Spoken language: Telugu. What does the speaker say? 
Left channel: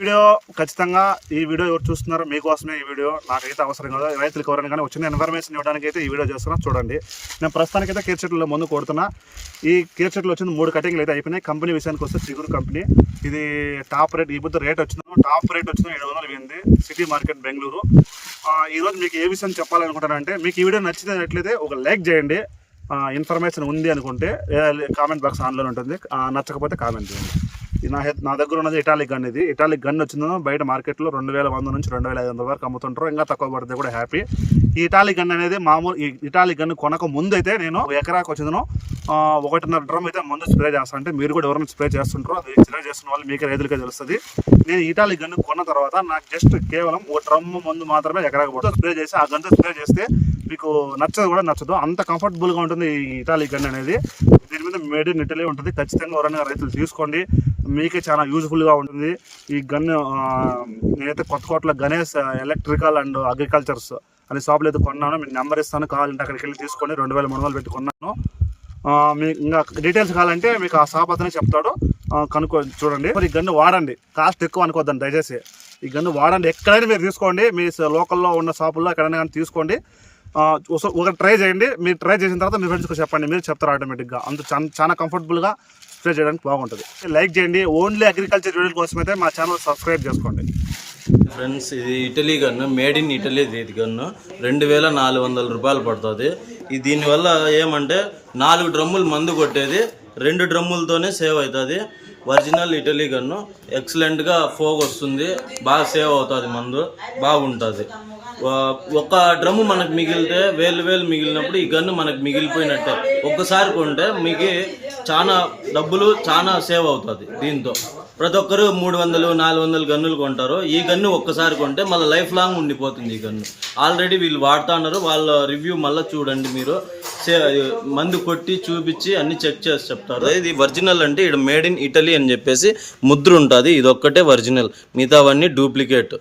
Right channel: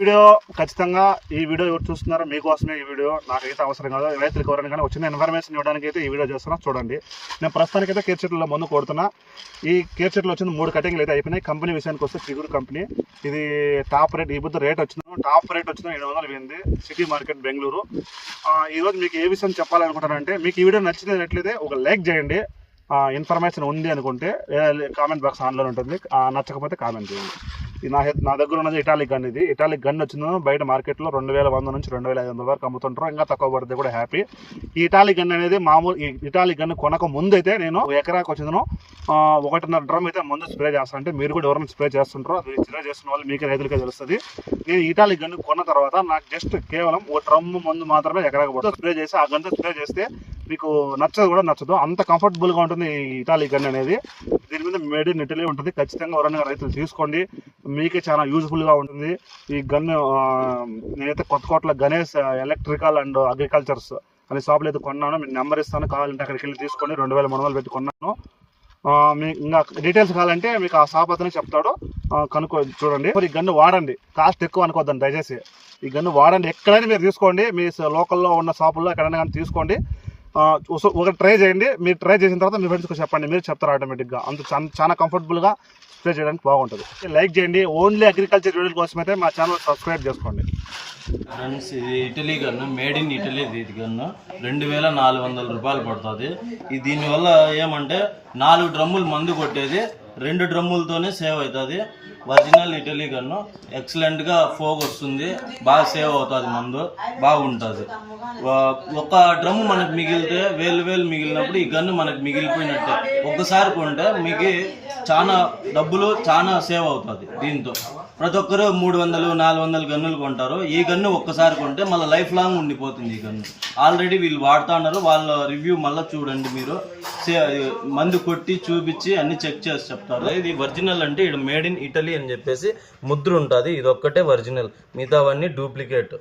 వీడియో ఖచ్చితంగా ఈ వీడియో ఎవరు చూస్తున్నారో మీకోసమే ఈ వీడియో. నాకైతే అవసరం కాదు, రైతులకు ఎవరైనా కానీ వచ్చిన ఇన్ఫర్మేషన్ ఇవ్వడానికి అయితే ఈ వీడియో చేస్తున్నా. చూడండి, నేను ప్రస్తుతానికైతే కేర్ చెట్లలో ముందు కొడుతున్నా. ఈ కేర్ చెట్లు వచ్చిన 3 కటింగ్లు అయితే అయిపోయినాయి. కంపెనీ విషయానికి వస్తే చిగురు కంపెనీ. ఇది టాప్ రేట్, ఈ బుద్ధ రేట్ వచ్చింది, టాప్ రేట్ వచ్చిన 700 పోయింది, సిటీ మార్కెట్ బెంగళూరు. ఈరోజు మీకు ఏ విషయం చెప్పాలనుకుంటానంటే, మీకు ఈ వీడియో నచ్చినట్లయితే ఒక లైక్ చేయండి. ఇన్ఫర్మేషన్ ఉంది అనుకుంటే కామెంట్ బాక్స్ ఆన్లో ఉంటుంది, నచ్చకపోతే కామెంట్ చేయండి. నా దగ్గర ఉన్నది ఇటాలిక్ గన్. ఇది ఇటాలిక్ గన్ వచ్చింది బయట మార్కెట్లో 2100 నుంచి 2500 వరకు అమ్ముతుంటారు. ఇంకా తక్కువ పడితే కూడా హ్యాపీ. ఈ ఇటాలిక్ గన్ అనేది మామూలు, ఈ ఇటాలిక్ గన్ కొనక ముందు అయితే నేను ఎకరాకి వచ్చిందను 1.5 డ్రమ్ అయితే ముందు స్ప్రే చేస్తాను. అంటే మీరు కూడా ఎవరైనా స్ప్రే చేస్తుంటారో, స్ప్రే చేస్తున్న వాళ్ళు మీకే రైతులకే తెలుస్తుంది. నేను ఇటాలిక్ గన్ కొన్న తర్వాత నాకు జస్ట్ కేవలం 1 డ్రమ్ ముందు మాత్రమే ఎకరాకి పోతుంది. స్ప్రే చేసి ఆ గన్తో స్ప్రే చేస్తే మీకు నచ్చదు కూడా నచ్చదు, అంత కంఫర్టబుల్గా ఉంటుంది ఈ ఇటాలిక్ గన్ అనేది. దీని మీద మేడ్ ఇన్ ఇటలీ ఉంటుంది. ఖచ్చితంగా ఎవరైనా రైతులు తీసుకోండి, మీకే చాలా యూజ్ఫుల్గా ఉంటుంది ఈ గన్. నేనైతే కొత్తకోటలో గణేష్ ఎలక్ట్రికల్ అండ్ అగ్రికల్చర్స్ అనే షాపులు అయితే కొన్నాను. మీకు నెంబర్ ఇస్తాను, కావాలంటే అక్కడికి వెళ్ళి తీసుకోండి. 2300 పెట్టి కొన్నాను. మీకు ఇంకా డీటెయిల్స్ కావాలంటే మీకు ఆ షాప్ అతనే చెప్తాడు, కనుక్కో. చూడండి, ఈ గన్ను వాడండి, కాస్ట్ ఎక్కువ అనుకోద్దండి దయచేసి. ఈ గన్ను వాడండి, ఎక్కడైనా మీరు తీసుకోండి, మీ లోకల్లో ఉన్న షాపుల్లో ఎక్కడైనా కానీ తీసుకోండి. ఒకటి ట్రై చేయండి. మీరు ట్రై చేసిన తర్వాత మీ ఫ్రెండ్స్కి చెప్పండి, మీరు చెప్తారు ఆటోమేటిక్గా. అంత చాలా కంఫర్టబుల్గా స్ప్రే చేయడానికి బాగుంటుంది. లైక్ చేయండి. ఓన్లీ అగ్రికల్చర్ వీడియోల కోసం అయితే మా ఛానల్ సబ్స్క్రైబ్ చేసుకోండి. ఫ్రెండ్స్, ఇది Italy gun, made in Italy ఇది గన్ను. 2400 రూపాయలు పడుతుంది. దీనివల్ల ఏమంటే 4 డ్రమ్ములు మందు కొట్టేది 2 డ్రమ్ములతోనే సేవ్ అవుతుంది. ఒరిజినల్ ఇటలీ గన్ను, ఎక్సలెంట్గా ఫోగ్ వస్తుంది, బాగా సేవ్ అవుతుంది, మందు బాగుంటుంది. ఒక డ్రమ్ము మనకు మిగిలితే వేలు మిగిలినప్పుడు ఈ గన్ను మనకు మిగిలిపోయినట్టే. ఒక్కసారి కొంటే మీకు చాలా డబ్బులు చాలా సేవ్ అవుతుంది. దీంతో ప్రతి ఒక్కరు 300-400 గన్నులు కొంటారు. ఈ గన్ను ఒక్కసారి కొంటే మళ్ళీ లైఫ్ లాంగ్ ఉండిపోతుంది ఈ గన్ను. ఆల్రెడీ వీళ్ళు వాడుతూ ఉన్నారు, వాళ్ళ రివ్యూ మళ్ళీ చూడండి మీరు. మందు కొట్టి చూపించి అన్ని చెక్ చేసి చెప్తారు. ఇది ఒరిజినల్ అంటే ఇక్కడ మేడ్ ఇన్ ఇటలీ అని చెప్పేసి ముద్ర ఉంటుంది. ఇది ఒక్కటే ఒరిజినల్, మిగతావన్నీ డూప్లికేట్.